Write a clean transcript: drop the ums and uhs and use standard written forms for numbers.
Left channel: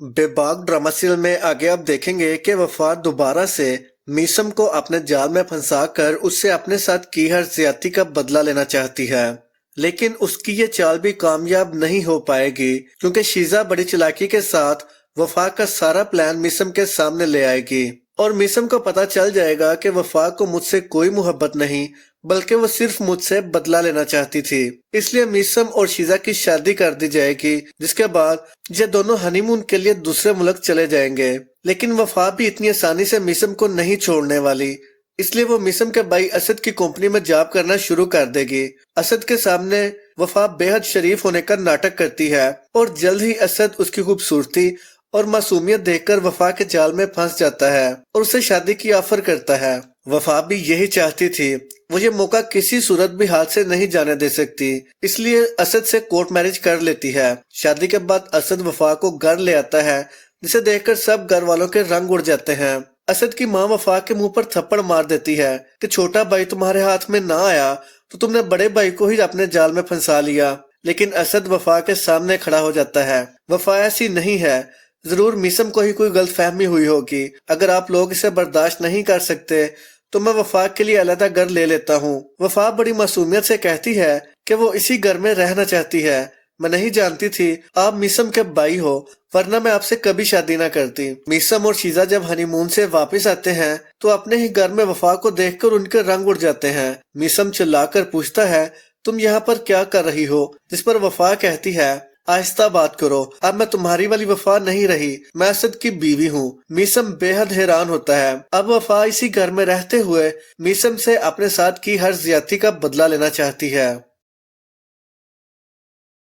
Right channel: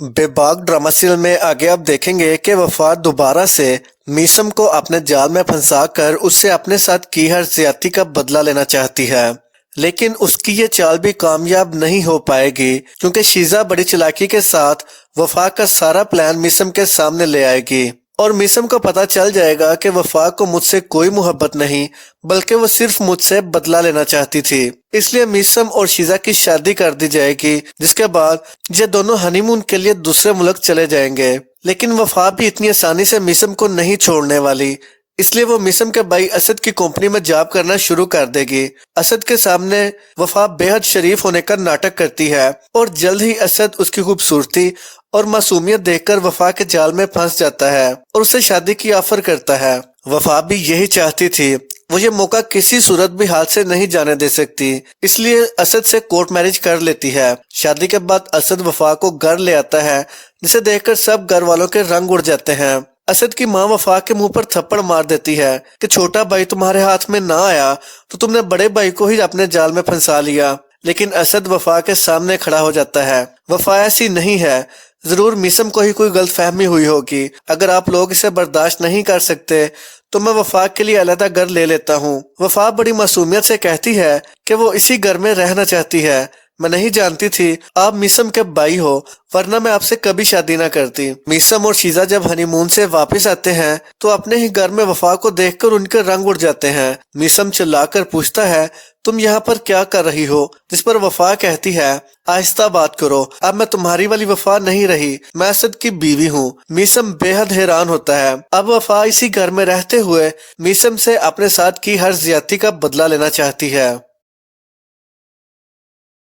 बेबाक drama serial में आगे आप देखेंगे कि वफा दोबारा से मीसम को अपने जाल में फंसाकर उससे अपने साथ की हर ज्यादती का बदला लेना चाहती है। लेकिन उसकी ये चाल भी कामयाब नहीं हो पाएगी क्योंकि शीजा बड़ी चालाकी के साथ वफा का सारा प्लान मीसम के सामने ले आएगी और मीसम को पता चल जाएगा कि वफा को मुझसे कोई मोहब्बत नहीं बल्कि वो सिर्फ मुझसे बदला लेना चाहती थी। इसलिए मीसम और शीजा की शादी कर दी जाएगी, जिसके बाद ये दोनों हनीमून के लिए दूसरे मुल्क चले जाएंगे। लेकिन वफा भी इतनी आसानी से मीसम को नहीं छोड़ने वाली, इसलिए वो मीसम के भाई असद की कंपनी में जॉब करना शुरू कर देगी। असद के सामने वफा बेहद शरीफ होने का नाटक करती है और जल्द ही असद उसकी खूबसूरती और मासूमियत देखकर वफा के जाल में फंस जाता है और उसे शादी की ऑफर करता है। वफा भी यही चाहती थी, वो ये मौका किसी सूरत भी हाथ से नहीं जाने दे सकती, इसलिए असद से कोर्ट मैरिज कर लेती है। शादी के बाद असद वफा को घर ले आता है, जिसे देखकर सब घर वालों के रंग उड़ जाते हैं। असद की माँ वफा के मुंह पर थप्पड़ मार देती है कि छोटा भाई तुम्हारे हाथ में ना आया तो तुमने बड़े भाई को ही अपने जाल में फंसा लिया। लेकिन असद वफा के सामने खड़ा हो जाता है। वफा ऐसी नहीं है, जरूर मीसम को ही कोई गलतफहमी हुई होगी। अगर आप लोग इसे बर्दाश्त नहीं कर सकते तो मैं वफा के लिए अलग घर ले लेता हूँ। वफा बड़ी मासूमियत से कहती है कि वो इसी घर में रहना चाहती है। मैं नहीं जानती थी आप मीसम के भाई हो, वरना मैं आपसे कभी शादी ना करती। मीसम और शीजा जब हनीमून से वापस आते हैं तो अपने ही घर में वफा को देखकर उनके रंग उड़ जाते हैं। मीसम चिल्लाकर पूछता है तुम यहाँ पर क्या कर रही हो, जिस पर वफा कहती है आहिस्ता बात करो, अब मैं तुम्हारी वाली वफा नहीं रही, मैं असद की बीवी हूँ। मीसम बेहद हैरान होता है। अब वफा इसी घर में रहते हुए मीसम से अपने साथ की हर ज्यादती का बदला लेना चाहती है।